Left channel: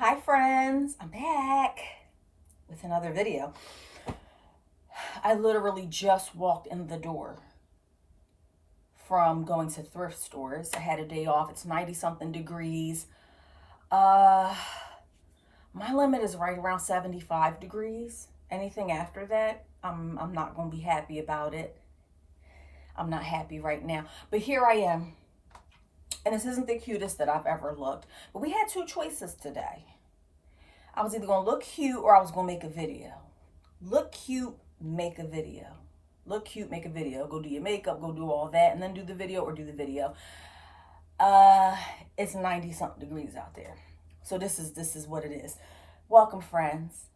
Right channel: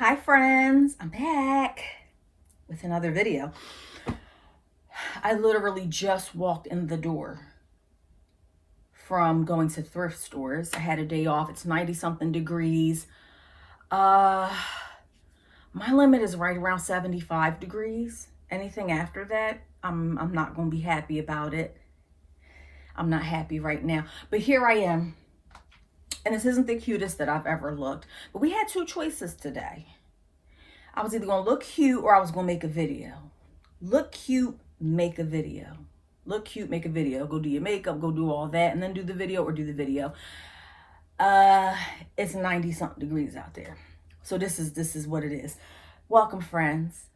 Hi friends, I'm back with another video. I literally just walked in the door from going to thrift stores. I had a day off. It's 90 something degrees. My limit is right around 75 degrees. Anything after that, I'm not going to be happy about it. I'm not happy right now. But here I am. And this isn't the cutest that I've ever looked. But we had two choices today. I was either going to look cute or I was going to make a video. Look cute, make a video. Look cute, make a video. Go do your makeup, go do all that, and then do the video or do the video. It's 90 something degrees out there. So this is what it is. Welcome, friends.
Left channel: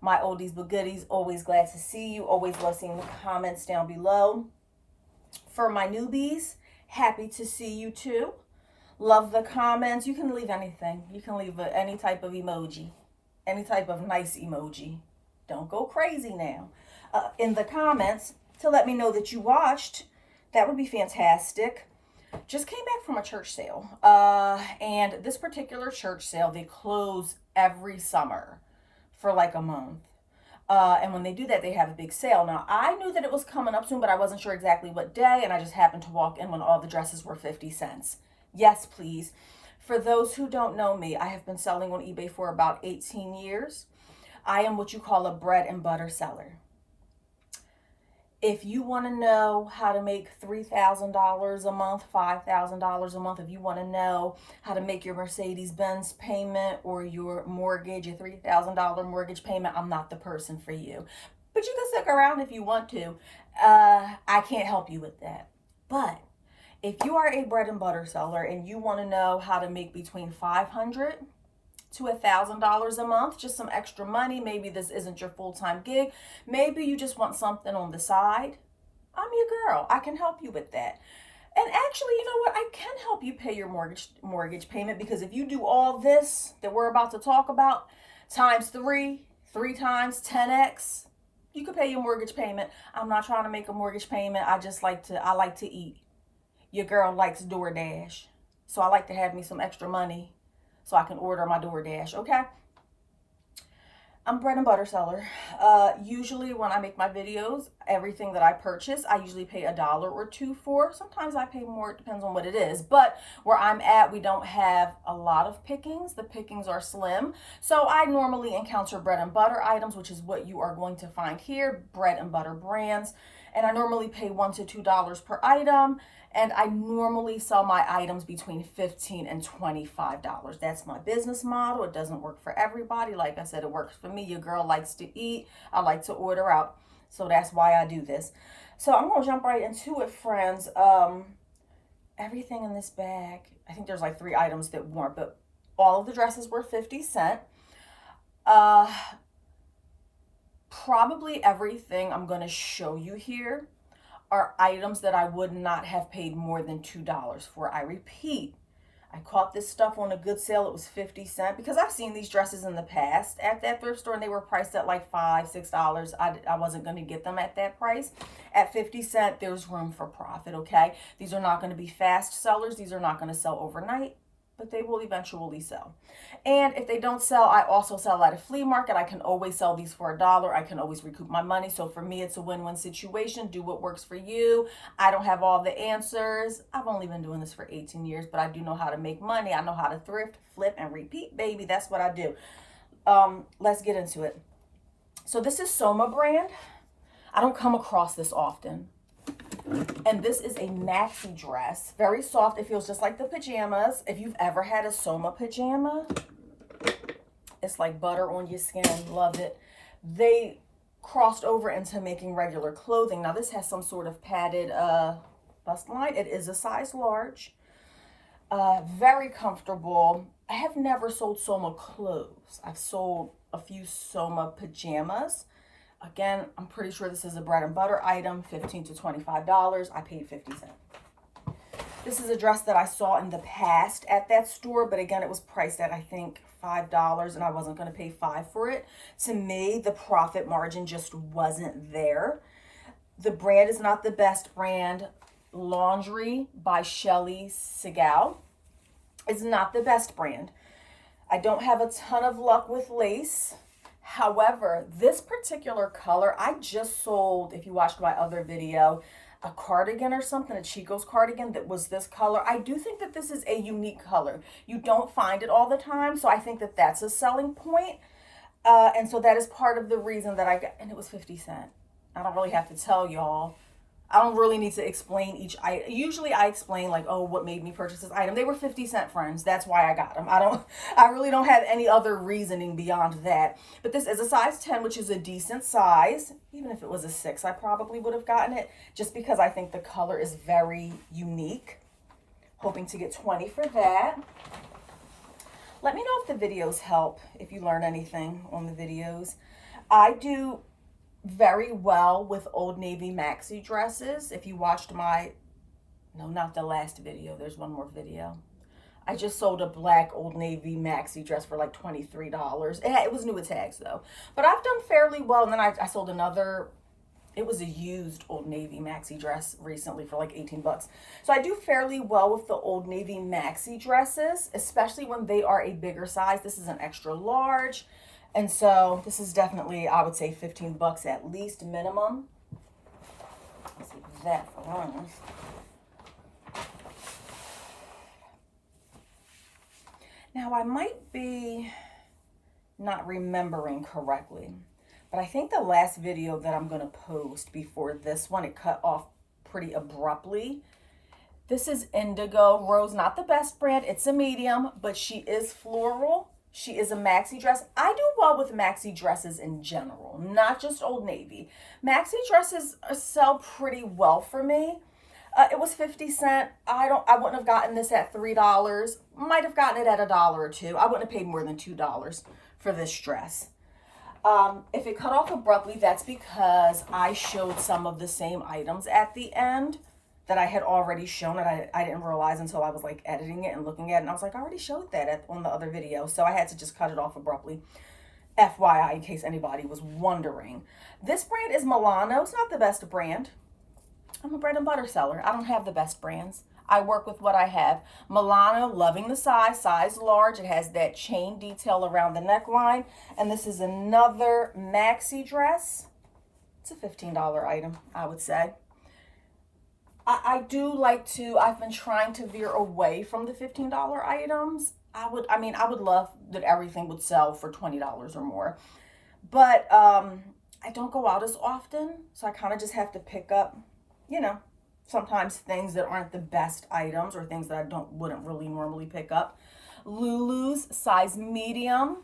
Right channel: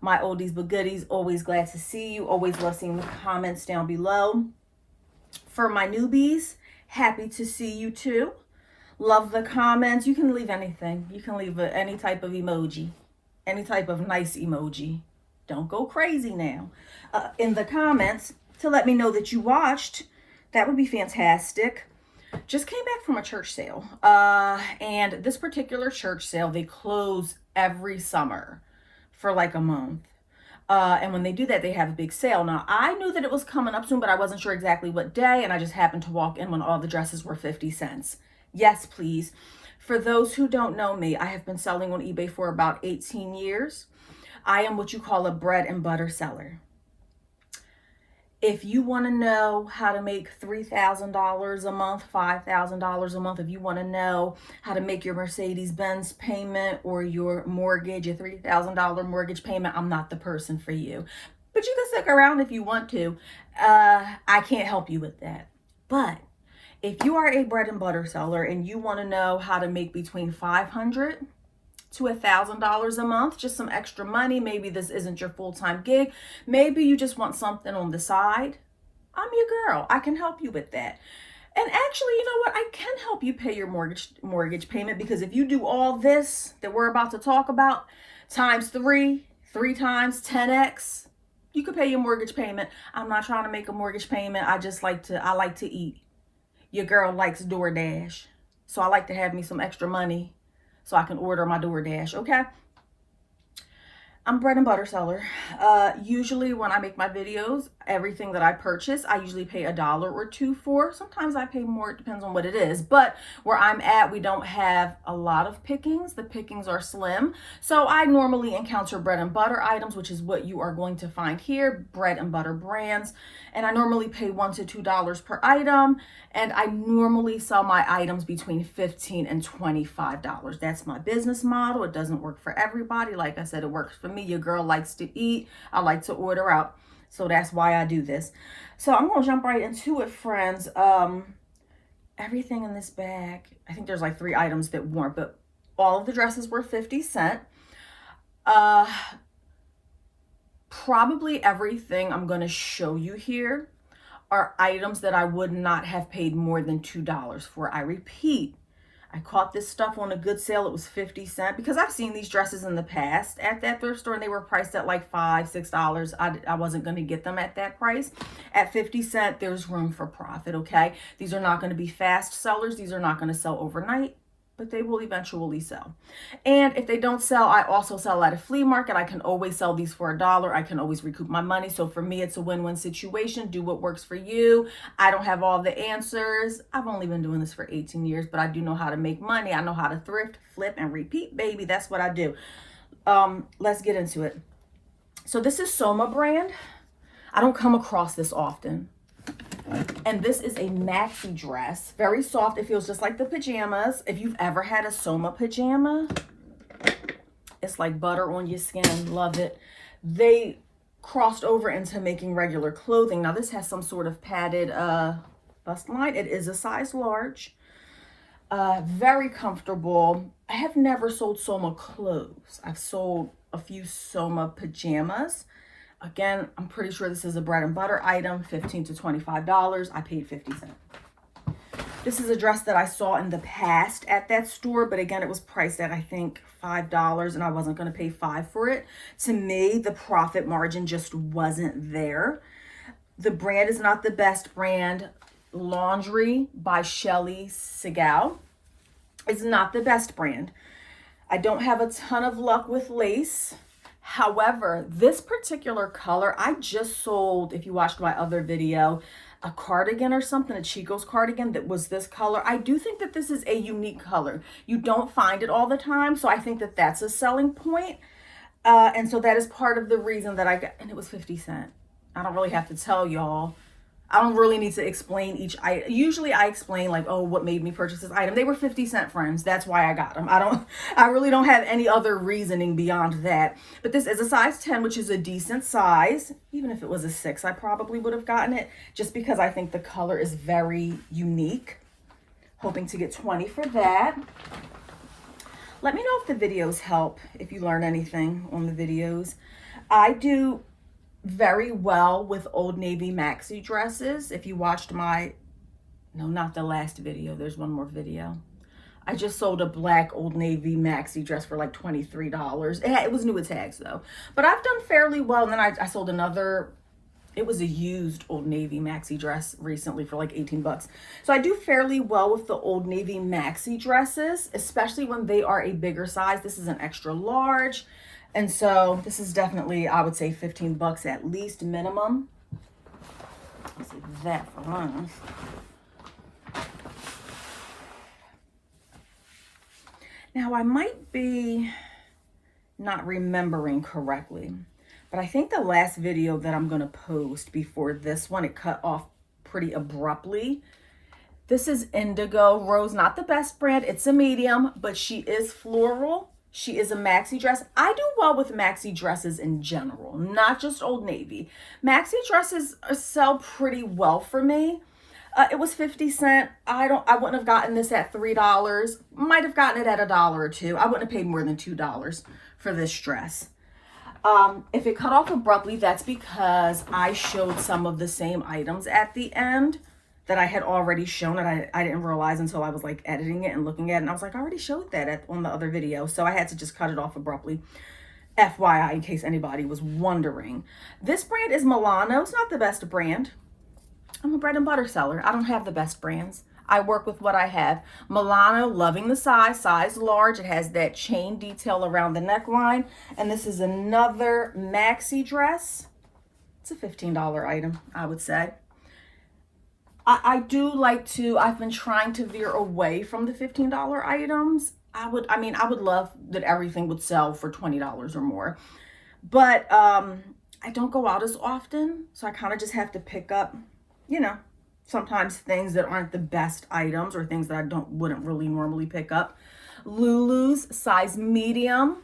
My oldies but goodies, always glad to see you. Always love seeing the comments down below. For my newbies, happy to see you too. Love the comments. You can leave anything. You can leave any type of emoji. Any type of nice emoji. Don't go crazy now. In the comments to let me know that you watched. That would be fantastic. Just came back from a church sale. And this particular church sale, they close every summer for like a month. And when they do that, they have a big sale. Now, I knew that it was coming up soon, but I wasn't sure exactly what day. And I just happened to walk in when all the dresses were 50 cents. Yes, please. For those who don't know me, I have been selling on eBay for about 18 years. I am what you call a bread and butter seller. If you want to know how to make $3,000 a month, $5,000 a month, if you want to know how to make your Mercedes-Benz payment or your mortgage, a $3,000 mortgage payment, I'm not the person for you. But you can stick around if you want to. I can't help you with that. But if you are a bread and butter seller and you want to know how to make between $500 to $1,000 a month, just some extra money, maybe this isn't your full-time gig, maybe you just want something on the side, I'm your girl. I can help you with that. And actually, you know what? I can help you pay your mortgage payment, because if you do all this that we're about to talk about times three times 10x, you could pay your mortgage payment. I'm not trying to make a mortgage payment. I like to eat. Your girl likes DoorDash. So I like to have me some extra money so I can order my DoorDash, okay? I'm a bread and butter seller. Usually when I make my videos, everything that I purchase, I usually pay $1 or $2 for. Sometimes I pay more, it depends on what it is. But where I'm at, we don't have a lot of pickings. The pickings are slim. So I normally encounter bread and butter items, which is what you are going to find here, bread and butter brands. And I normally pay $1 to $2 per item. And I normally sell my items between $15 and $25. That's my business model. It doesn't work for everybody. Like I said, it works for me. Your girl likes to eat. I like to order out. So that's why I do this. So I'm going to jump right into it, friends. Everything in this bag, I think there's like 3 items that weren't, but all of the dresses were 50 cents. Probably everything I'm going to show you here are items that I would not have paid more than $2 for. I repeat, I caught this stuff on a good sale. It was 50 cents because I've seen these dresses in the past at that thrift store and they were priced at like $5, $6. I wasn't going to get them at that price. At 50 cents, there's room for profit, okay? These are not going to be fast sellers. These are not going to sell overnight, but they will eventually sell. And if they don't sell, I also sell at a flea market. I can always sell these for $1. I can always recoup my money. So for me, it's a win-win situation. Do what works for you. I don't have all the answers. I've only been doing this for 18 years, but I do know how to make money. I know how to thrift, flip, and repeat, baby. That's what I do. Let's get into it. So this is Soma brand. I don't come across this often. And this is a maxi dress, very soft. It feels just like the pajamas. If you've ever had a Soma pajama, it's like butter on your skin. Love it. They crossed over into making regular clothing. Now this has some sort of padded bust line. It is a size large. Very comfortable. I have never sold Soma clothes. I've sold a few Soma pajamas. Again, I'm pretty sure this is a bread and butter item, $15 to $25. I paid 50 cents. This is a dress that I saw in the past at that store, but again, it was priced at, I think, $5, and I wasn't going to pay $5 for it. To me, the profit margin just wasn't there. The brand is not the best brand. Laundry by Shelly Segal is not the best brand. I don't have a ton of luck with lace. However, this particular color, I just sold, if you watched my other video, a cardigan or something, a Chico's cardigan that was this color. I do think that this is a unique color. You don't find it all the time, so I think that that's a selling point. And so that is part of the reason that I got, and it was 50 cents. I don't really have to tell y'all. I don't really need to explain each item. Usually I explain like, oh, what made me purchase this item. They were 50 cents, friends. That's why I got them. I really don't have any other reasoning beyond that. But this is a size 10, which is a decent size. Even if it was a 6, I probably would have gotten it just because I think the color is very unique. Hoping to get 20 for that. Let me know if the videos help, if you learn anything on the videos. I do very well with Old Navy maxi dresses. If you watched my, no, not the last video, there's one more video. I just sold a black Old Navy maxi dress for like $23. It was new with tags though. But I've done fairly well. And then I sold another, it was a used Old Navy maxi dress recently for like 18 bucks. So I do fairly well with the Old Navy maxi dresses, especially when they are a bigger size. This is an extra large. And so this is definitely, I would say 15 bucks at least minimum. Let's see that for us. Now I might be not remembering correctly, but I think the last video that I'm gonna post before this one, it cut off pretty abruptly. This is Indigo Rose, not the best brand. It's a medium, but she is floral. She is a maxi dress. I do well with maxi dresses in general, not just Old Navy. Maxi dresses sell pretty well for me. It was 50 cents. I wouldn't have gotten this at $3. Might have gotten it at $1 or $2. I wouldn't have paid more than $2 for this dress. If it cut off abruptly, that's because I showed some of the same items at the end that I had already shown, and I didn't realize until I was like editing it and looking at it, and I was like, I already showed that on the other video, so I had to just cut it off abruptly. FYI, in case anybody was wondering. This brand is Milano. It's not the best brand. I'm a bread and butter seller. I don't have the best brands. I work with what I have. Milano, loving the size large. It has that chain detail around the neckline, and this is another maxi dress. It's a $15 item, I would say. I do like to, I've been trying to veer away from the $15 items. I would love that everything would sell for $20 or more. But I don't go out as often, so I kind of just have to pick up, you know, sometimes things that aren't the best items or things that I wouldn't really normally pick up. Lulu's size medium.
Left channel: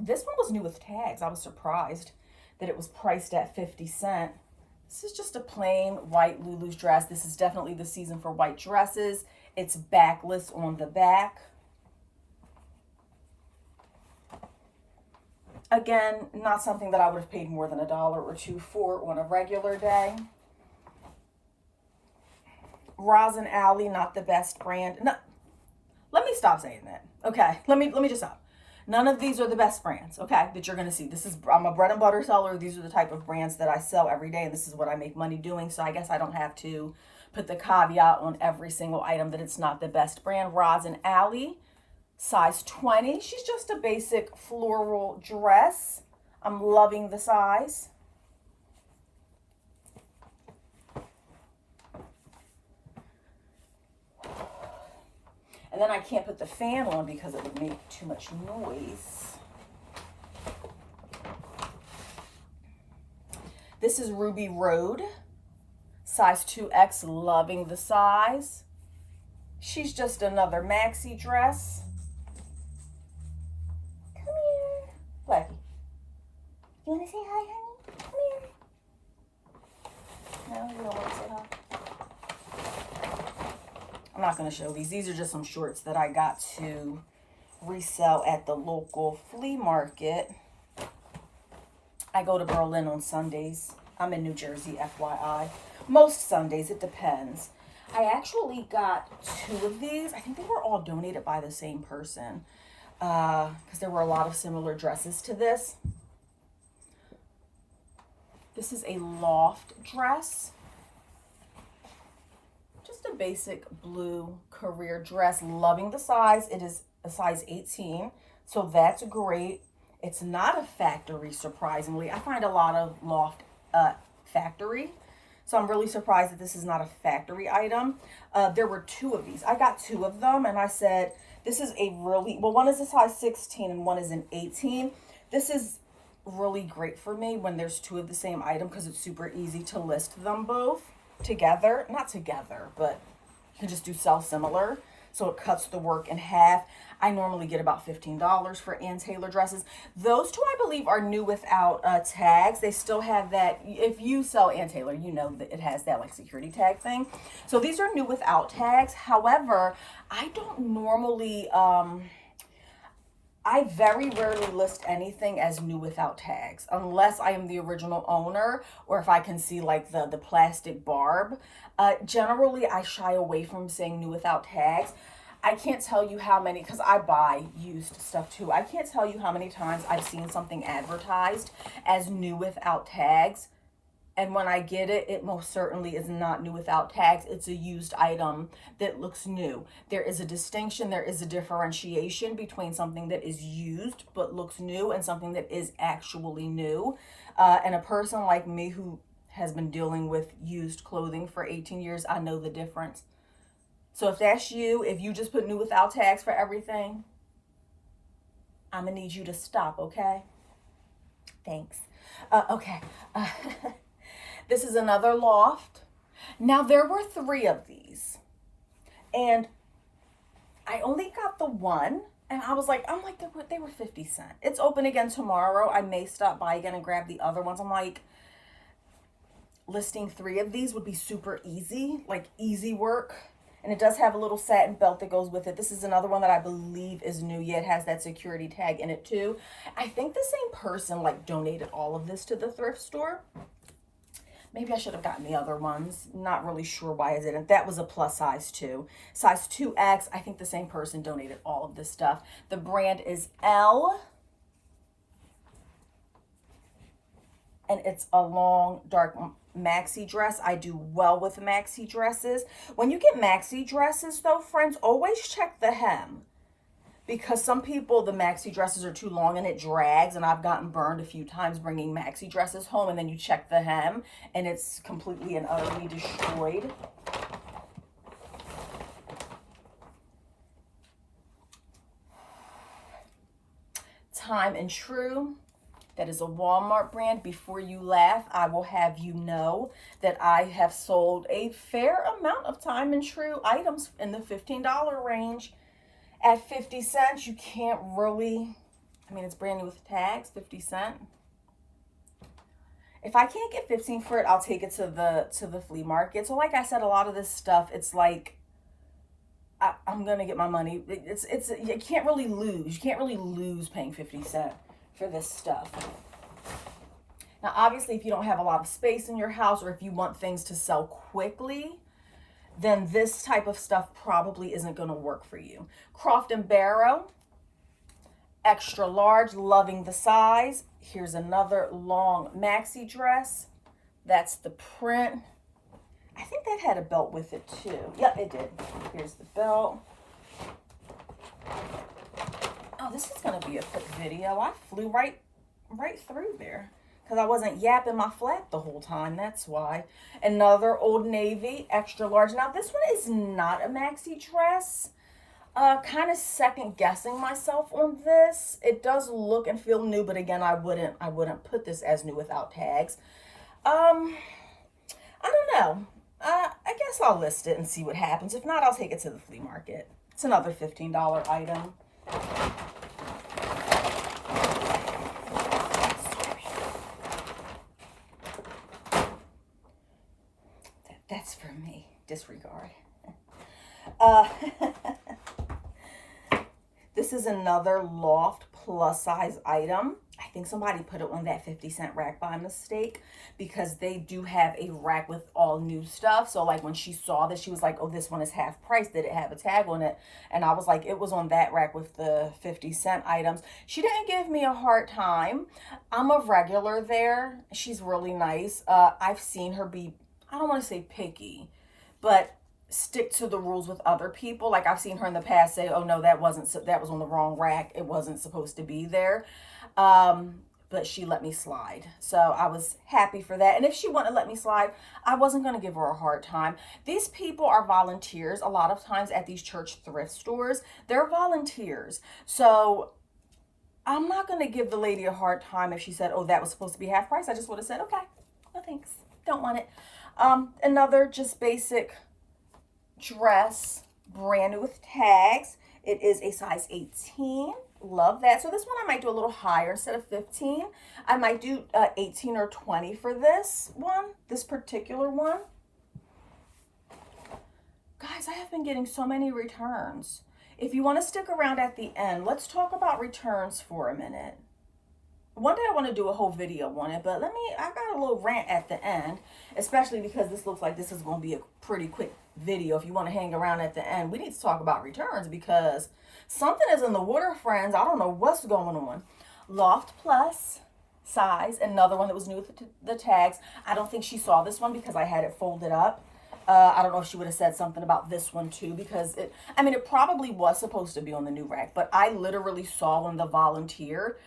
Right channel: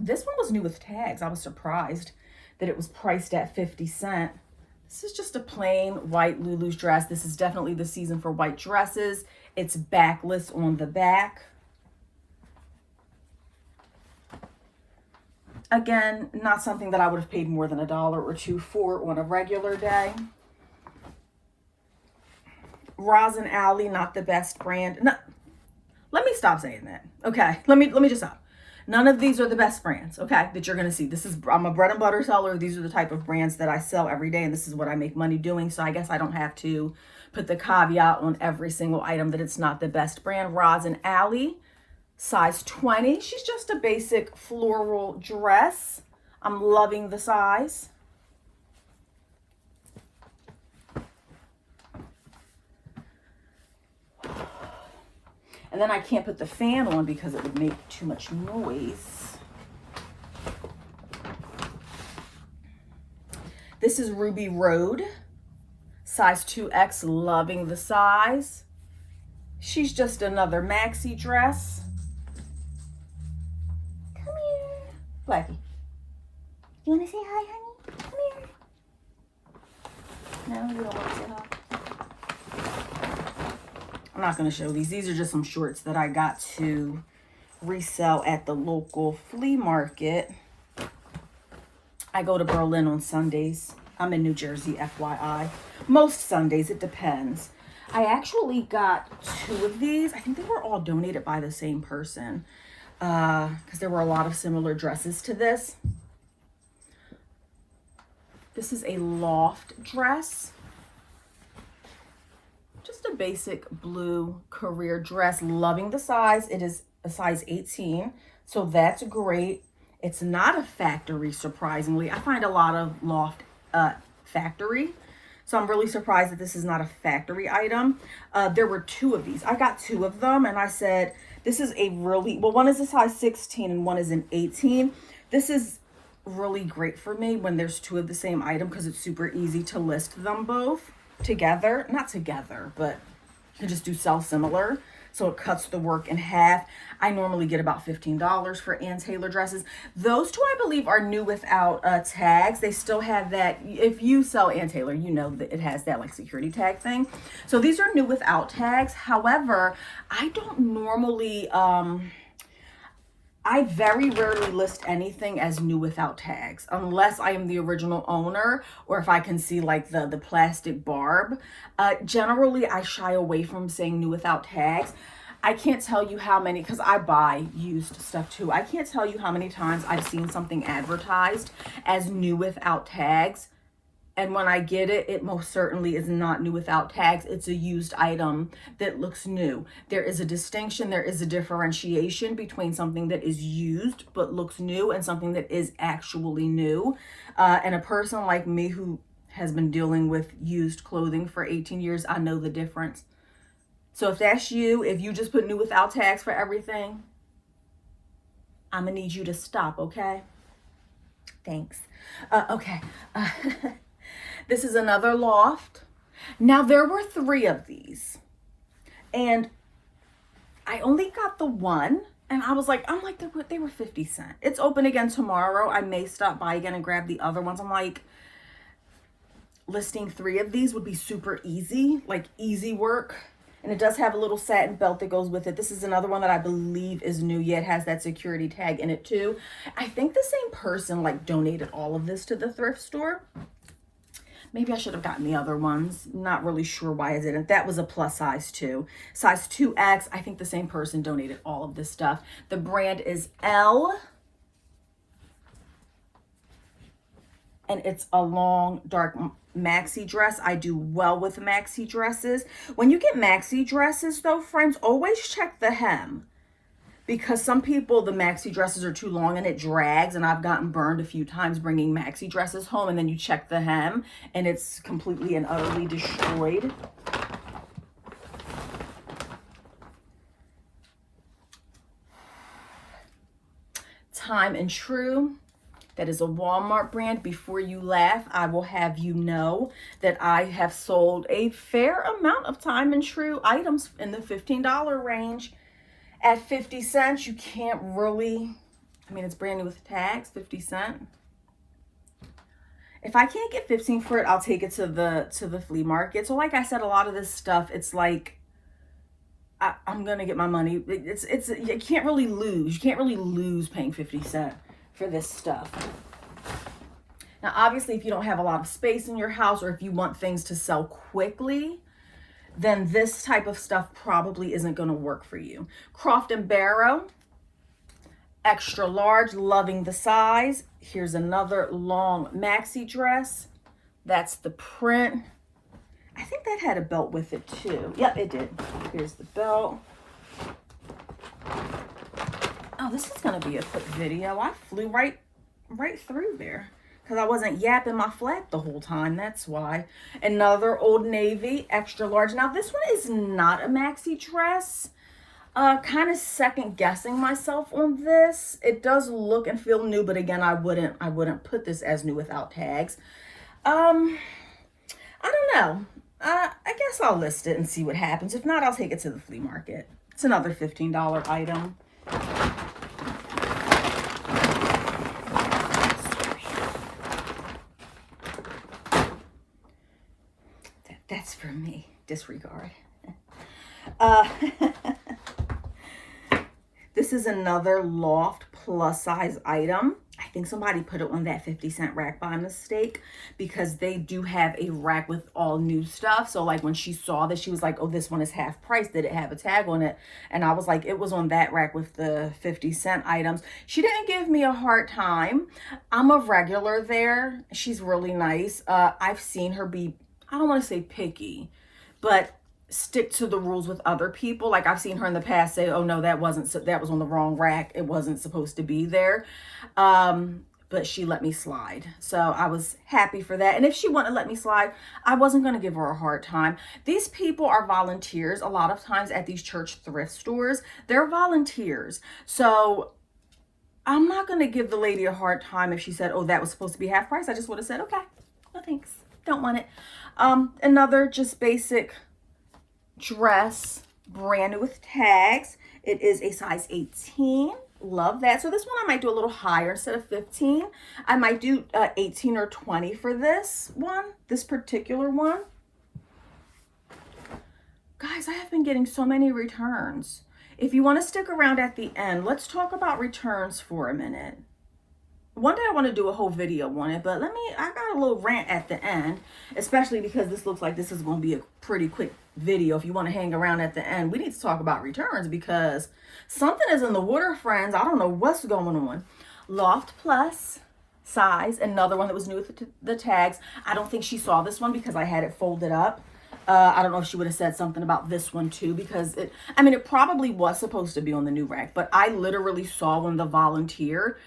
This one was new with tags. I was surprised that it was priced at 50 cents. This is just a plain white Lulu's dress. This is definitely the season for white dresses. It's backless on the back. Again, not something that I would have paid more than $1 or $2 for on a regular day. Rosin Alley, not the best brand. No, let me stop saying that. Okay, let me just stop. None of these are the best brands, okay, that you're gonna see. I'm a bread and butter seller. These are the type of brands that I sell every day, and this is what I make money doing. So I guess I don't have to put the caveat on every single item that it's not the best brand. Rosin Alley, size 20. She's just a basic floral dress. I'm loving the size. And then I can't put the fan on because it would make too much noise. This is Ruby Road, size 2X, loving the size. She's just another maxi dress. Come here. Blackie. You want to say hi, honey? Come here. No, you don't want to say hi? I'm not going to show these. These are just some shorts that I got to resell at the local flea market. I go to Berlin on Sundays. I'm in New Jersey, FYI. Most Sundays, it depends. I actually got 2 of these. I think they were all donated by the same person because there were a lot of similar dresses to this. This is a loft dress. Just a basic blue career dress. Loving the size. It is a size 18. So that's great. It's not a factory, surprisingly. I find a lot of loft factory. So I'm really surprised that this is not a factory item. There were two of these. I got two of them and I said, this is a really, well, one is a size 16 and one is an 18. This is really great for me when there's two of the same item because it's super easy to list them both together. Not together, but you can just do sell similar. So it cuts the work in half. I normally get about $15 for Ann Taylor dresses. Those two, I believe, are new without tags. They still have that. If you sell Ann Taylor, you know that it has that like security tag thing. So these are new without tags. However, I don't normally, I very rarely list anything as new without tags unless I am the original owner or if I can see like the plastic barb. Generally, I shy away from saying new without tags. I can't tell you how many, because I buy used stuff too. I can't tell you how many times I've seen something advertised as new without tags. And when I get it, it most certainly is not new without tags. It's a used item that looks new. There is a distinction, there is a differentiation between something that is used but looks new and something that is actually new. And a person like me who has been dealing with used clothing for 18 years, I know the difference. So if that's you, if you just put new without tags for everything, I'm gonna need you to stop, okay? Thanks. Okay. This is another loft. Now there were three of these and I only got the one and I'm like, they were 50 cents. It's open again tomorrow. I may stop by again and grab the other ones. I'm like, listing three of these would be super easy, like easy work. And it does have a little satin belt that goes with it. This is another one that I believe is new. Yeah, it has that security tag in it too. I think the same person like donated all of this to the thrift store. Maybe I should have gotten the other ones. Not really sure why I didn't. That was a plus size too. Size 2X. I think the same person donated all of this stuff. The brand is Elle. And it's a long, dark maxi dress. I do well with maxi dresses. When you get maxi dresses though, friends, always check the hem. Because some people, the maxi dresses are too long and it drags, and I've gotten burned a few times bringing maxi dresses home, and then you check the hem and it's completely and utterly destroyed. Time and True. That is a Walmart brand. Before you laugh, I will have you know that I have sold a fair amount of Time and True items in the $15 range. At 50 cents, you can't really, I mean, it's brand new with tags, 50 cents. If I can't get 15 for it, I'll take it to the flea market. So like I said, a lot of this stuff, it's like, I'm going to get my money. You can't really lose. You can't really lose paying 50 cents for this stuff. Now, obviously, if you don't have a lot of space in your house or if you want things to sell quickly, then this type of stuff probably isn't going to work for you. Croft & Barrow, extra large, loving the size. Here's another long maxi dress. That's the print. I think that had a belt with it too. Yep, it did. Here's the belt. Oh, this is going to be a quick video. I flew right through there because I wasn't yapping my flat the whole time. That's why. Another Old Navy, extra large. Now, this one is not a maxi dress. Kind of second guessing myself on this. It does look and feel new, but again, I wouldn't put this as new without tags. I don't know. I guess I'll list it and see what happens. If not, I'll take it to the flea market. It's another $15 item. That's for me. Disregard. This is another Loft plus size item. I think somebody put it on that 50 cent rack by mistake because they do have a rack with all new stuff. So like when she saw this, she was like, oh, this one is half price. Did it have a tag on it? And I was like, it was on that rack with the 50 cent items. She didn't give me a hard time. I'm a regular there. She's really nice. I've seen her be, I don't want to say picky, but stick to the rules with other people. Like I've seen her in the past say, oh no, that was on the wrong rack. It wasn't supposed to be there. But she let me slide. So I was happy for that. And if she wouldn't let me slide, I wasn't going to give her a hard time. These people are volunteers a lot of times at these church thrift stores. They're volunteers. So I'm not going to give the lady a hard time if she said, oh, that was supposed to be half price. I just would have said, okay, no thanks. Don't want it. Another just basic dress, brand new with tags. It is a size 18. Love that. So this one I might do a little higher instead of 15. I might do 18 or 20 for this one, this particular one. Guys, I have been getting so many returns. If you want to stick around at the end, let's talk about returns for a minute. One day I want to do a whole video on it, but I got a little rant at the end, especially because this looks like this is going to be a pretty quick video. If you want to hang around at the end, we need to talk about returns because something is in the water, friends. I don't know what's going on. Loft Plus size, another one that was new with the tags. I don't think she saw this one because I had it folded up. I don't know if she would have said something about this one too, because it probably was supposed to be on the new rack, but I literally saw when the volunteer,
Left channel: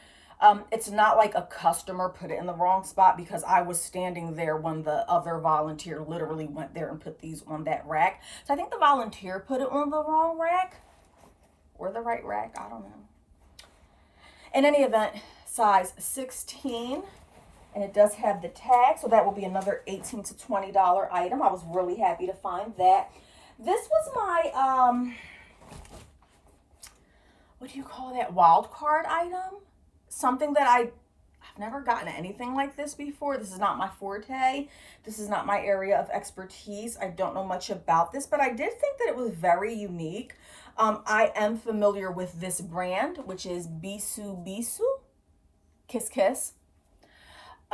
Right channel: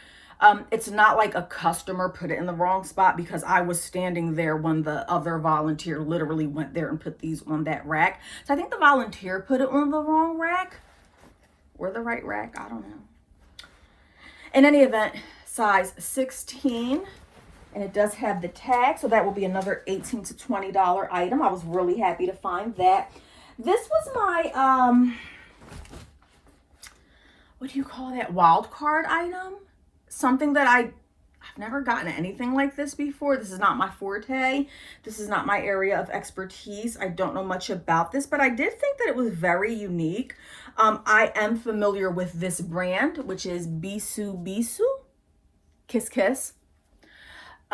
it's not like a customer put it in the wrong spot, because I was standing there when the other volunteer literally went there and put these on that rack. So I think the volunteer put it on the wrong rack or the right rack. I don't know. In any event, size 16. And it does have the tag, so that will be another $18 to $20 item. I was really happy to find that. This was my, what do you call that? Wild card item. Something that I've never gotten anything like this before. This is not my forte. This is not my area of expertise. I don't know much about this, but I did think that it was very unique. I am familiar with this brand, which is Bisou Bisou. Kiss Kiss.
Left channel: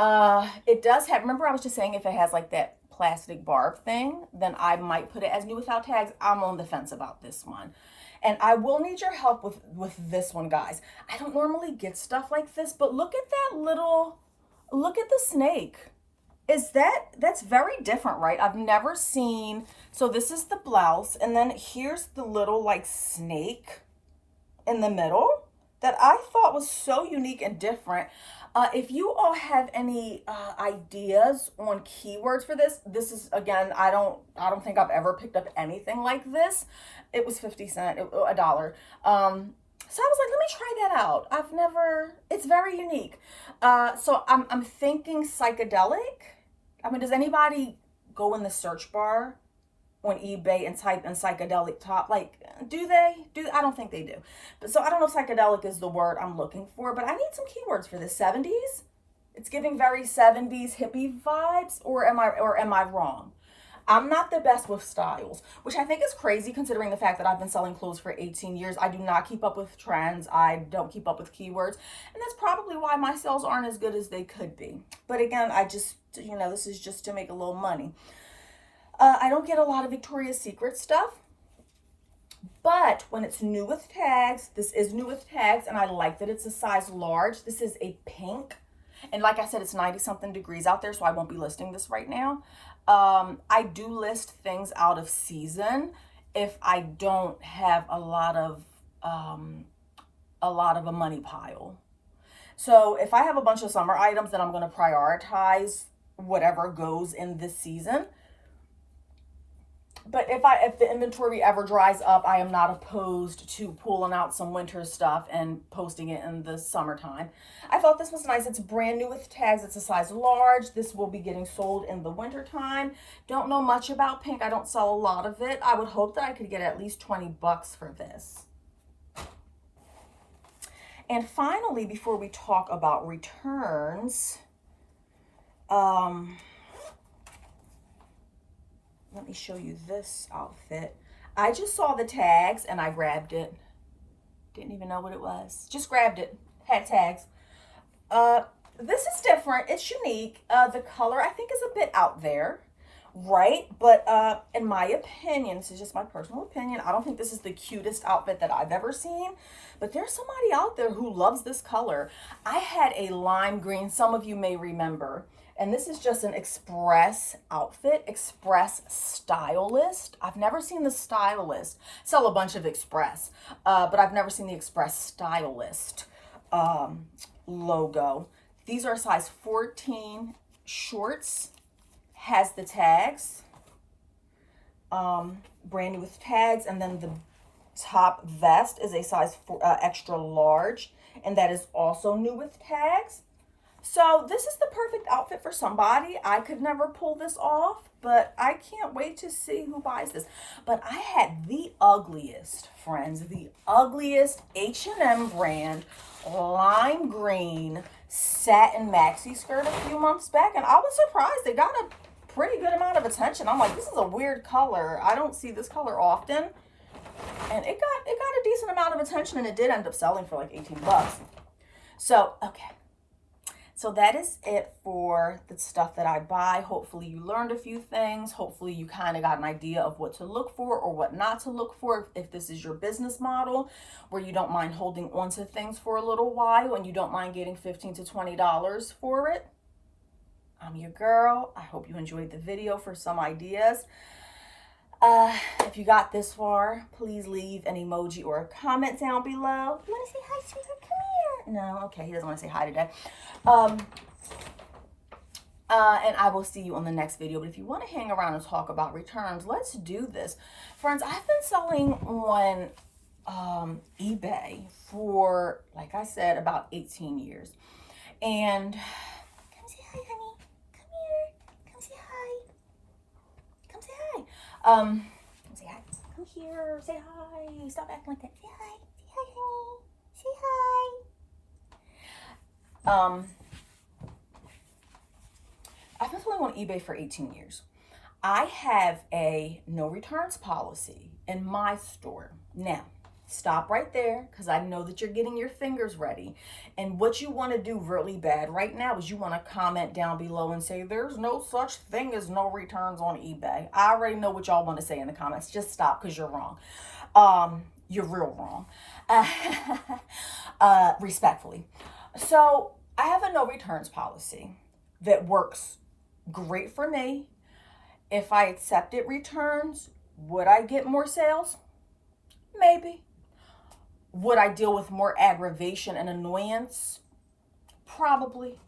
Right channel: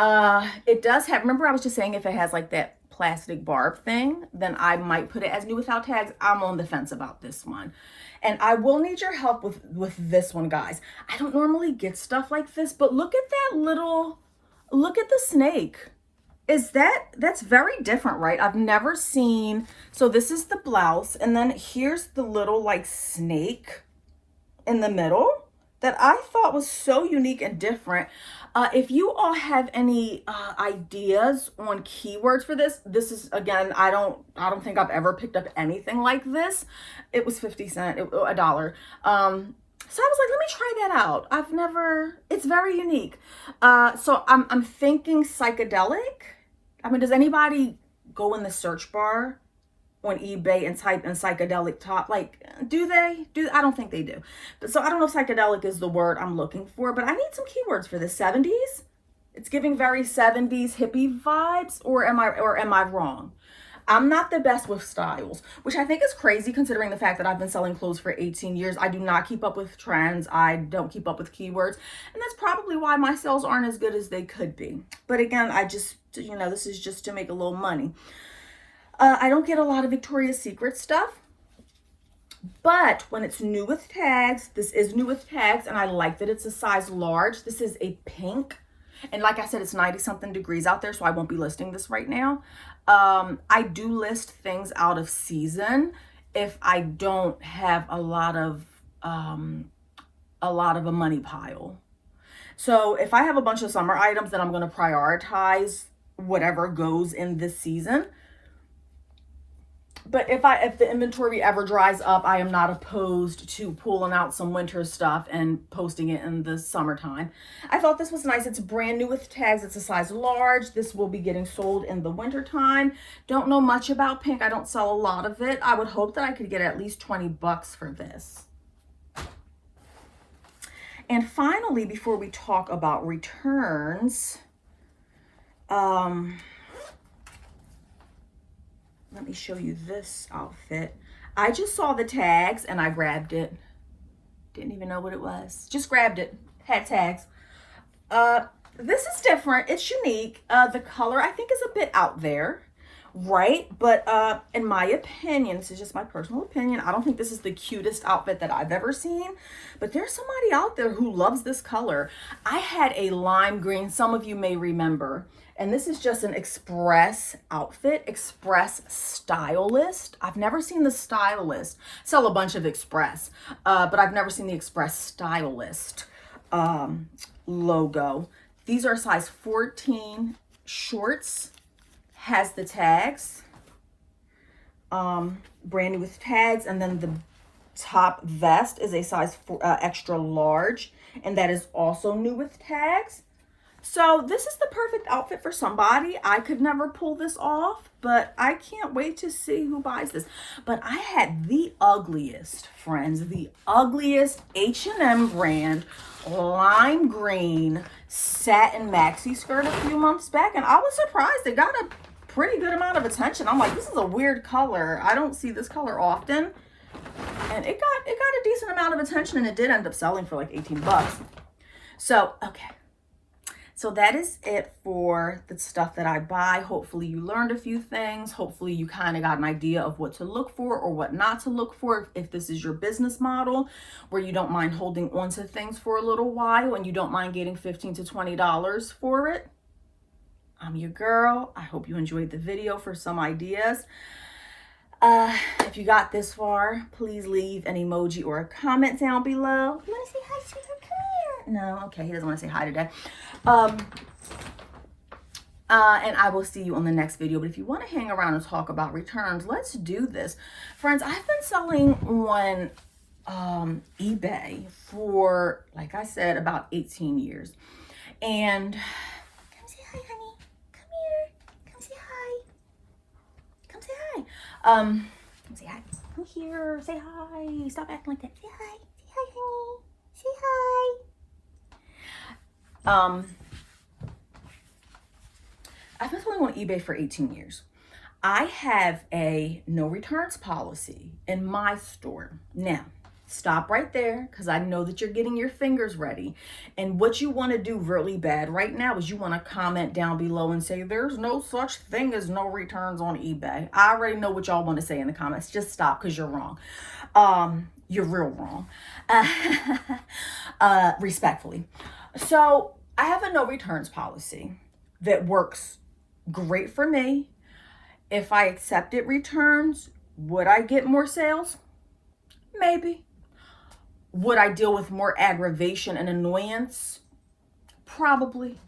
It does have, remember I was just saying if it has like that plastic barb thing, then I might put it as new without tags. I'm on the fence about this one. And I will need your help with this one, guys. I don't normally get stuff like this, but look at that look at the snake. That's very different, right? I've never seen, so this is the blouse, and then here's the little like snake in the middle that I thought was so unique and different. If you all have any ideas on keywords for this is, again, I don't think I've ever picked up anything like this. It was 50 cents, $1. So I was like, let me try that out. It's very unique. So I'm thinking psychedelic. Does anybody go in the search bar on eBay and type in psychedelic top? Like, do they? I don't think they do. But so I don't know if psychedelic is the word I'm looking for, but I need some keywords for the 70s. It's giving very 70s hippie vibes, or am I wrong? I'm not the best with styles, which I think is crazy considering the fact that I've been selling clothes for 18 years. I do not keep up with trends. I don't keep up with keywords. And that's probably why my sales aren't as good as they could be. But again, I just, this is just to make a little money. I don't get a lot of Victoria's Secret stuff, but when it's new with tags, this is new with tags, and I like that it's a size large. This is a pink, and like I said, it's 90 something degrees out there, so I won't be listing this right now. I do list things out of season if I don't have a lot of a money pile. So if I have a bunch of summer items, then I'm going to prioritize whatever goes in this season. But if the inventory ever dries up, I am not opposed to pulling out some winter stuff and posting it in the summertime. I thought this was nice. It's brand new with tags. It's a size large. This will be getting sold in the wintertime. Don't know much about pink. I don't sell a lot of it. I would hope that I could get at least 20 bucks for this. And finally, before we talk about returns, let me show you this outfit. I just saw the tags and I grabbed it. Didn't even know what it was. Just grabbed it. Had tags. This is different. It's unique. The color I think is a bit out there, right? But in my opinion, this is just my personal opinion, I don't think this is the cutest outfit that I've ever seen. But there's somebody out there who loves this color. I had a lime green, some of you may remember. And this is just an express outfit, express stylist. I've never seen the stylist sell a bunch of express, but I've never seen the express stylist logo. These are size 14 shorts, has the tags, brand new with tags, and then the top vest is a size extra large, and that is also new with tags. So this is the perfect outfit for somebody. I could never pull this off, but I can't wait to see who buys this. But I had the ugliest, friends, the ugliest H&M brand lime green satin maxi skirt a few months back, and I was surprised it got a pretty good amount of attention. I'm like, this is a weird color. I don't see this color often. And it got a decent amount of attention, and it did end up selling for like 18 bucks. So, okay. So that is it for the stuff that I buy. Hopefully you learned a few things. Hopefully you kind of got an idea of what to look for or what not to look for if this is your business model where you don't mind holding on to things for a little while and you don't mind getting $15 to $20 for it. I'm your girl. I hope you enjoyed the video for some ideas. If you got this far, please leave an emoji or a comment down below. You want to say hi, sweetheart? Come here. No, okay, he doesn't want to say hi today. And I will see you on the next video. But if you want to hang around and talk about returns, let's do this. Friends, I've been selling on eBay for, like I said, about 18 years. And come say hi, honey. Come here. Come say hi. Come say hi. Come say hi. Come here. Say hi. Stop acting like that. Say hi. Say hi, honey. Say hi. I've been selling on eBay for 18 years. I have a no returns policy in my store. Now, stop right there because I know that you're getting your fingers ready. And what you want to do really bad right now is you want to comment down below and say, there's no such thing as no returns on eBay. I already know what y'all want to say in the comments. Just stop because you're wrong. You're real wrong. Respectfully. So I have a no returns policy that works great for me. If I accepted returns, would I get more sales? Maybe. Would I deal with more aggravation and annoyance? Probably.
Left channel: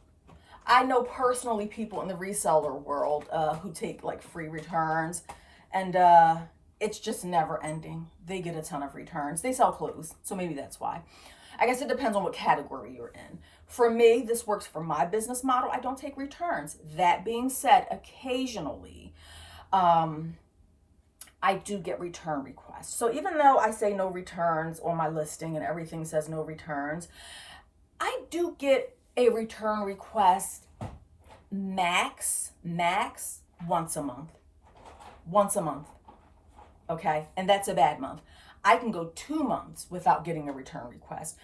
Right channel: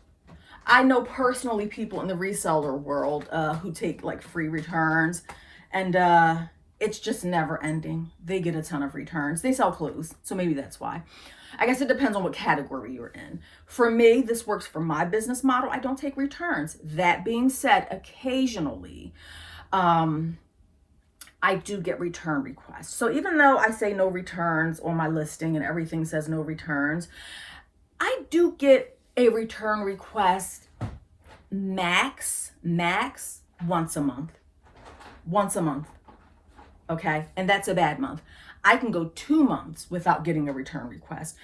I know personally people in the reseller world who take like free returns, and it's just never ending. They get a ton of returns. They sell clothes, so maybe that's why. I guess it depends on what category you're in. For me, this works for my business model. I don't take returns. That being said, occasionally, I do get return requests. So even though I say no returns on my listing and everything says no returns, I do get a return request max once a month. Once a month. Okay? And that's a bad month. I can go 2 months without getting a return request.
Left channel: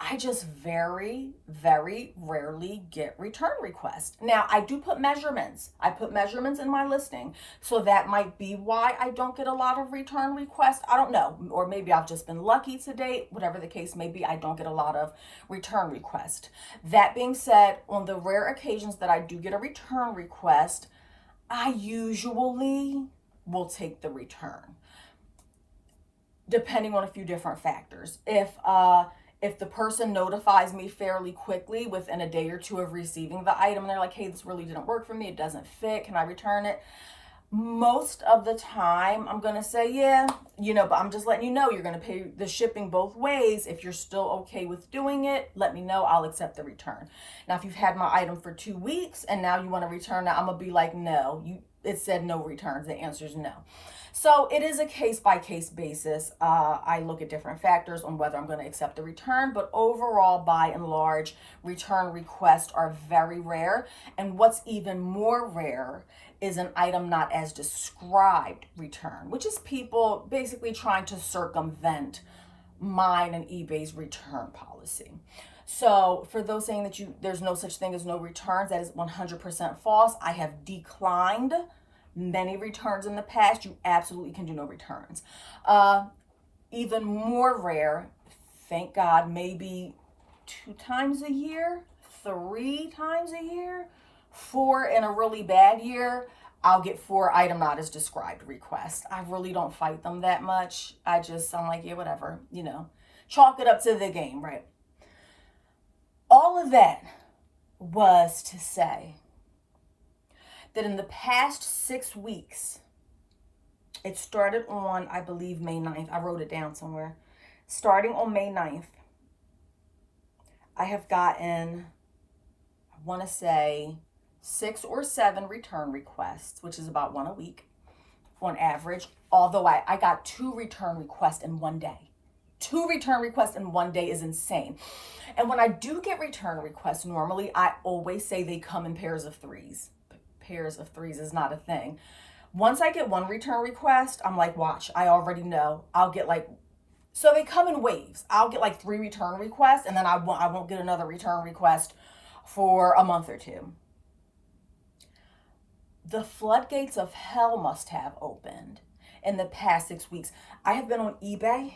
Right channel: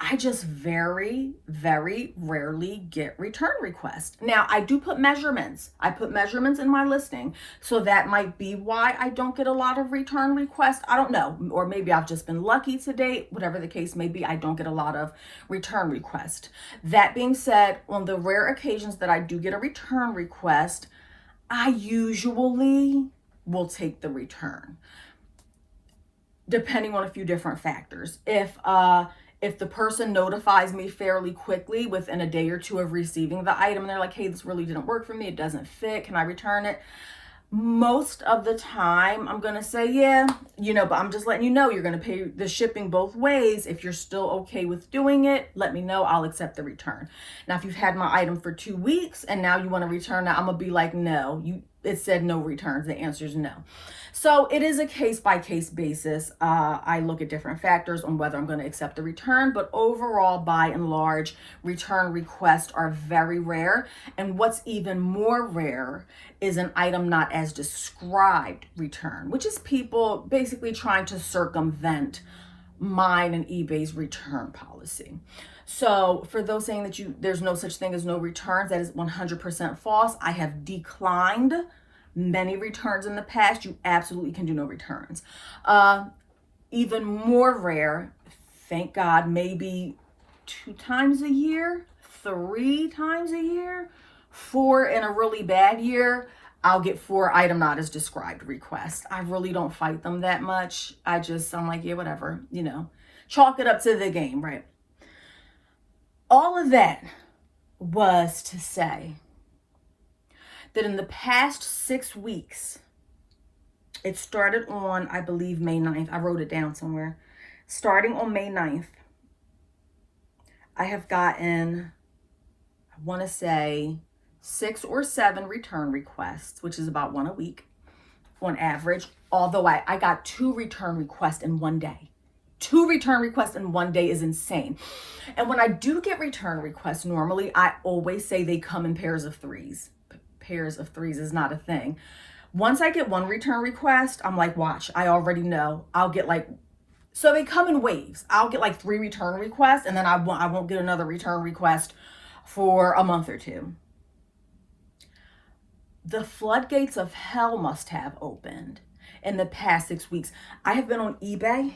I just very, very rarely get return requests. Now, I do put measurements. I put measurements in my listing. So that might be why I don't get a lot of return requests. I don't know. Or maybe I've just been lucky to date. Whatever the case may be, I don't get a lot of return requests. That being said, on the rare occasions that I do get a return request, I usually will take the return, depending on a few different factors. If the person notifies me fairly quickly within a day or two of receiving the item, and they're like, hey, this really didn't work for me, it doesn't fit, can I return it? Most of the time, I'm going to say, yeah, but I'm just letting you know you're going to pay the shipping both ways. If you're still okay with doing it, let me know. I'll accept the return. Now, if you've had my item for 2 weeks and now you want to return it, I'm going to be like, no, it said no returns. The answer is no. So it is a case-by-case basis. I look at different factors on whether I'm going to accept the return, but overall, by and large, return requests are very rare. And what's even more rare is an item not as described return, which is people basically trying to circumvent mine and eBay's return policy. So for those saying that there's no such thing as no returns, that is 100% false. I have declined many returns in the past. You absolutely can do no returns. Even more rare, thank God, maybe 2 times a year, 3 times a year, 4 in a really bad year, I'll get 4 item not as described requests. I really don't fight them that much. I'm like, yeah, whatever, chalk it up to the game, right? All of that was to say that in the past 6 weeks, it started on, I believe, May 9th. I wrote it down somewhere. Starting on May 9th, I have gotten, I want to say, 6 or 7 return requests, which is about 1 a week on average. Although I got 2 return requests in one day. 2 return requests in one day is insane. And when I do get return requests, normally I always say they come in pairs of 3s. Pairs of 3s is not a thing. Once I get 1 return request, I'm like, watch, I already know. I'll get so they come in waves. I'll get 3 return requests, and then I won't get another return request for a month or 2. The floodgates of hell must have opened in the past 6 weeks. I have been on eBay.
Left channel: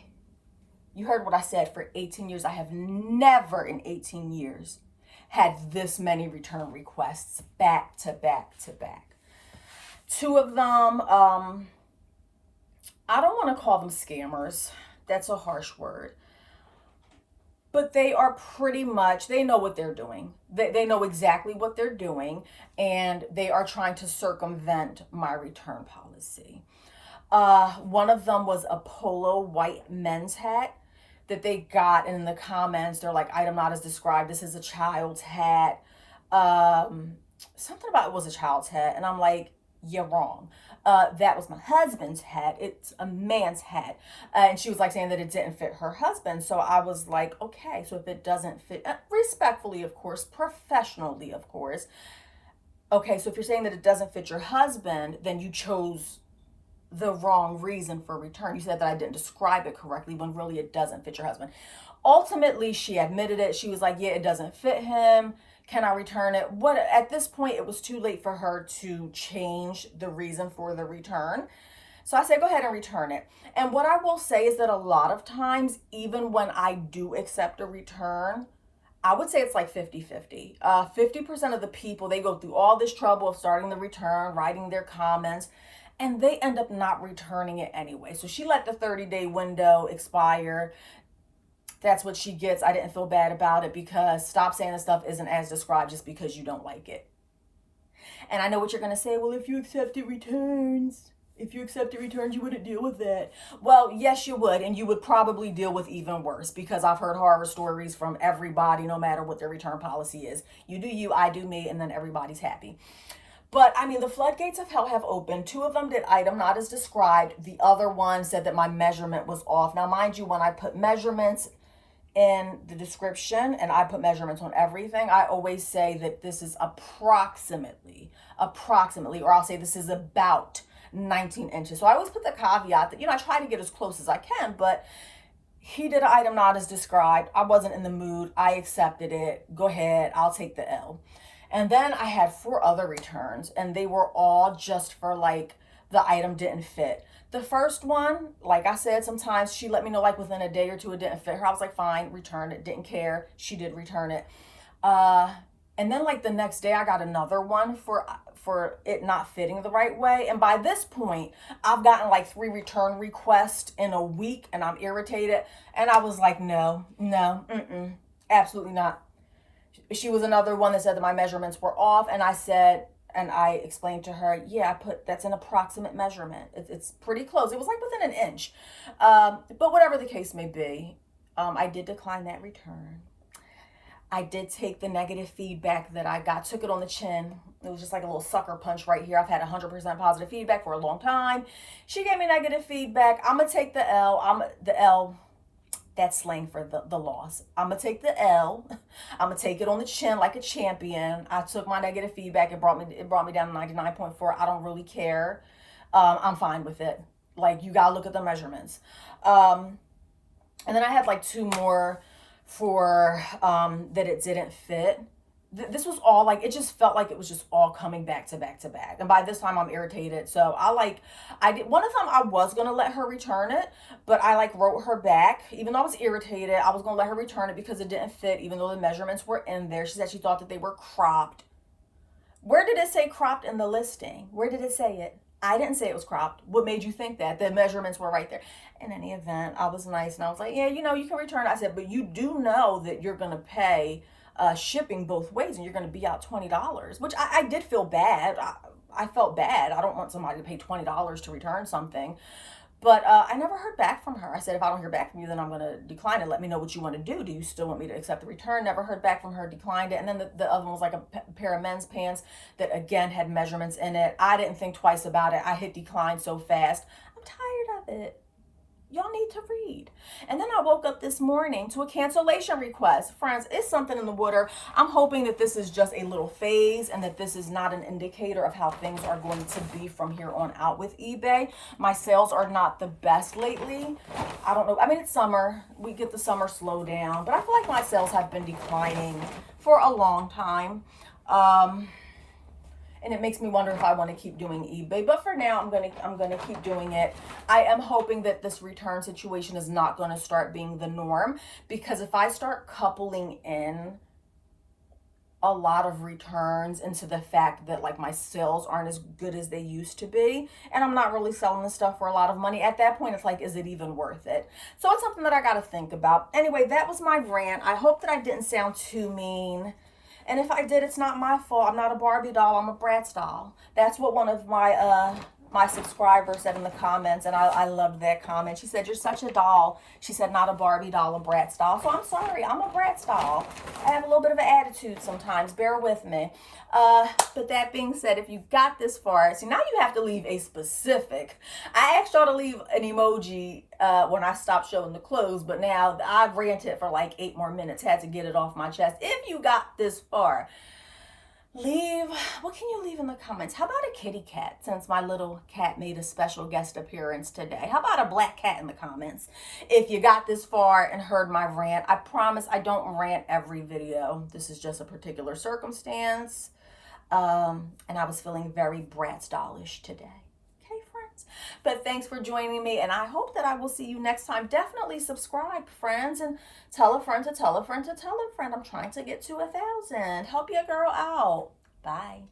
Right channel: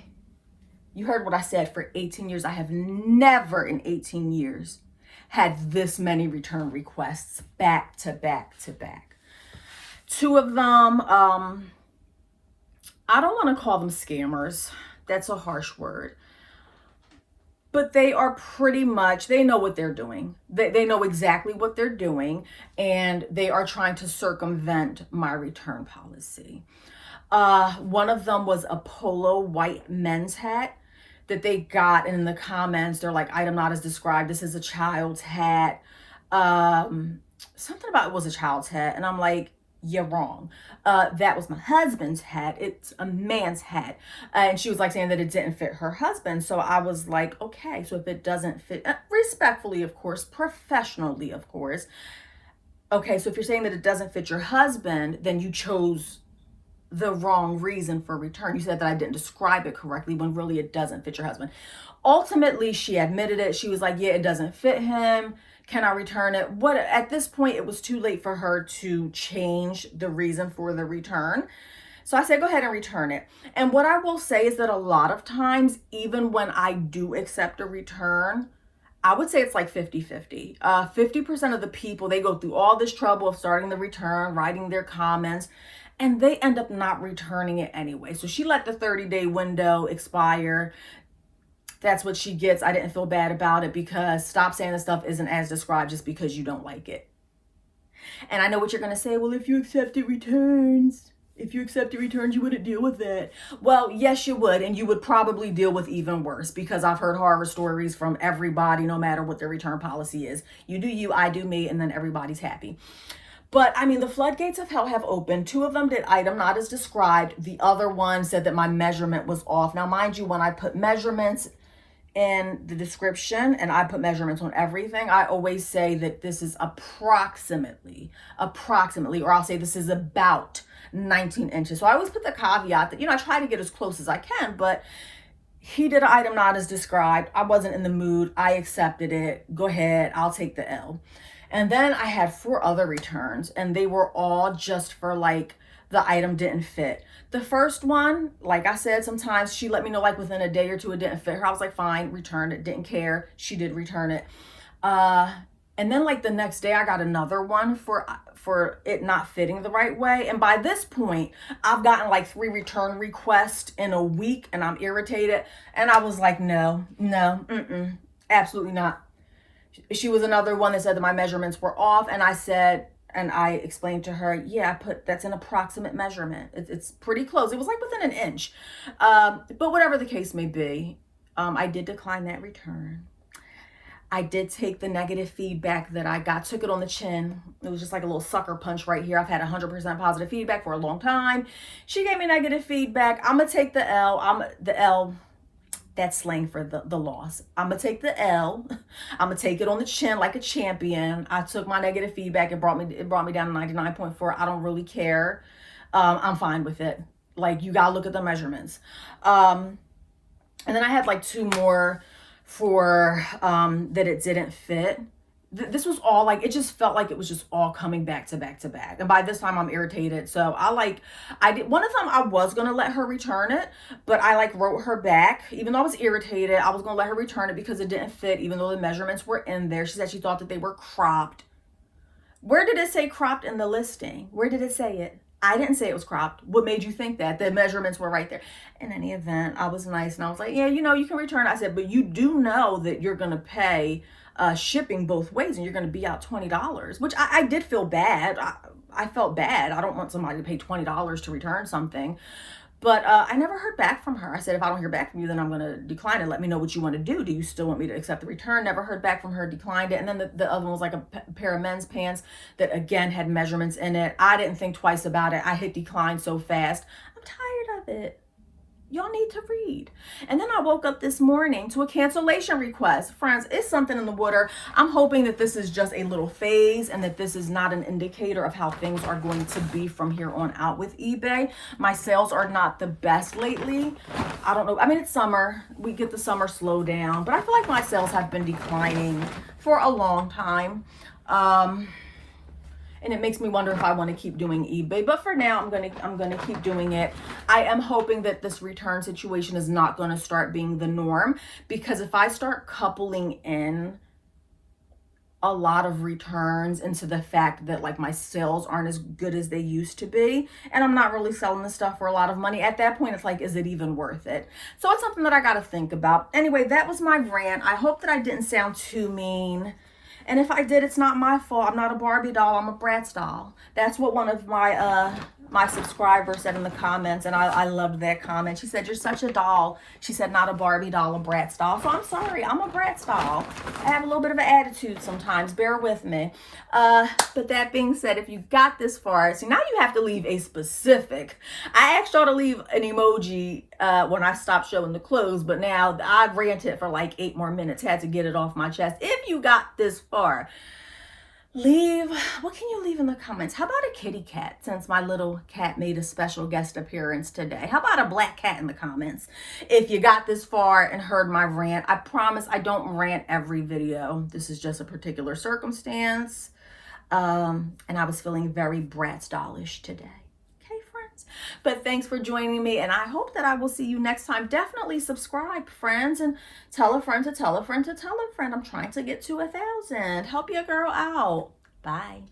You heard what I said, for 18 years. I have never in 18 years had this many return requests back to back to back. 2 of them, I don't want to call them scammers. That's a harsh word. But they are pretty much, they know what they're doing. They know exactly what they're doing, and they are trying to circumvent my return policy. One of them was a polo white men's hat that they got, and in the comments, they're like, item not as described. This is a child's hat. Something about it was a child's hat. And I'm like, you're wrong. That was my husband's hat. It's a man's hat. And she was like saying that it didn't fit her husband. So I was like, okay, so if it doesn't fit, respectfully, of course, professionally, of course. Okay, so if you're saying that it doesn't fit your husband, then you chose the wrong reason for return. You said that I didn't describe it correctly when really it doesn't fit your husband. Ultimately, she admitted it. She was like, yeah, it doesn't fit him. Can I return it? At this point, it was too late for her to change the reason for the return. So I said, go ahead and return it. And what I will say is that a lot of times, even when I do accept a return, I would say it's like 50-50. 50% of the people, they go through all this trouble of starting the return, writing their comments, and they end up not returning it anyway. So she let the 30-day window expire. That's what she gets. I didn't feel bad about it, because stop saying the stuff isn't as described just because you don't like it. And I know what you're going to say. Well, if you accepted returns, you wouldn't deal with that. Well, yes, you would. And you would probably deal with even worse, because I've heard horror stories from everybody, no matter what their return policy is. You do you, I do me, and then everybody's happy. But I mean, the floodgates of hell have opened. 2 of them did item not as described. The other one said that my measurement was off. Now, mind you, when I put measurements in the description and I put measurements on everything, I always say that this is approximately, or I'll say this is about 19 inches. So I always put the caveat that, I try to get as close as I can, but he did an item not as described. I wasn't in the mood. I accepted it. Go ahead. I'll take the L. And then I had 4 other returns, and they were all just for the item didn't fit. The first one, like I said, sometimes she let me know within a day or 2 it didn't fit her. I was like, fine, return it. Didn't care. She did return it. And then the next day I got another one for it not fitting the right way. And by this point, I've gotten 3 return requests in a week, and I'm irritated. And I was like, no, absolutely not. She was another one that said that my measurements were off, and I explained to her, yeah, that's an approximate measurement. It's pretty close. It was within an inch. But whatever the case may be, I did decline that return. I did take the negative feedback that I got, took it on the chin. It was just like a little sucker punch right here. I've had 100% positive feedback for a long time. She gave me negative feedback. I'm going to take the L. That's slang for the loss. I'm going to take the L. I'm going to take it on the chin like a champion. I took my negative feedback. It brought me down to 99.4. I don't really care. I'm fine with it. You got to look at the measurements. And then I had 2 more for that it didn't fit. This was all it just felt like it was just all coming back to back to back. And by this time I'm irritated. So I did one of them. I was going to let her return it, but I wrote her back. Even though I was irritated, I was going to let her return it because it didn't fit, even though the measurements were in there. She said she thought that they were cropped. Where did it say cropped in the listing? Where did it say it? I didn't say it was cropped. What made you think that? The measurements were right there. In any event, I was nice and I was like, yeah, you know, you can return it. I said, but you do know that you're going to pay shipping both ways and you're going to be out $20, which I did feel bad. I felt bad. I don't want somebody to pay $20 to return something. But I never heard back from her. I said, if I don't hear back from you, then I'm going to decline it. Let me know what you want to do. Do you still want me to accept the return? Never heard back from her, declined it. And then the other one was like a pair of men's pants that, again, had measurements in it. I didn't think twice about it. I hit decline so fast. I'm tired of it. Y'all need to read. And then I woke up this morning to a cancellation request. Friends, it's something in the water. I'm hoping that this is just a little phase and that this is not an indicator of how things are going to be from here on out with eBay. My sales are not the best lately. I don't know. I mean, it's summer. We get the summer slowdown, but I feel like my sales have been declining for a long time. And it makes me wonder if I want to keep doing eBay. But for now, I'm gonna keep doing it. I am hoping that this return situation is not going to start being the norm, because if I start coupling in a lot of returns into the fact that like my sales aren't as good as they used to be, and I'm not really selling the stuff for a lot of money, at that point it's like, is it even worth it? So it's something that I got to think about. Anyway, that was my rant. I hope that I didn't sound too mean. And if I did, it's not my fault. I'm not a Barbie doll. I'm a Bratz doll. That's what one of my subscribers said in the comments, and I loved that comment. She said, you're such a doll. She said, not a Barbie doll, a Bratz doll. So I'm sorry. I'm a Bratz doll. I have a little bit of an attitude sometimes. Bear with me. But that being said, if you got this far, see, now you have to leave a specific. I asked y'all to leave an emoji when I stopped showing the clothes, but now I've ranted for like 8 more minutes. Had to get it off my chest. If you got this far, leave, what can you leave in the comments? How about a kitty cat, since my little cat made a special guest appearance today? How about a black cat in the comments? If you got this far and heard my rant, I promise I don't rant every video. This is just a particular circumstance. And I was feeling very Bratz dollish today. Okay, friends? But thanks for joining me, and I hope that I will see you next time. Definitely subscribe, friends, and tell a friend to tell a friend to tell a friend. I'm trying to get to 1,000. Help your girl out. Bye.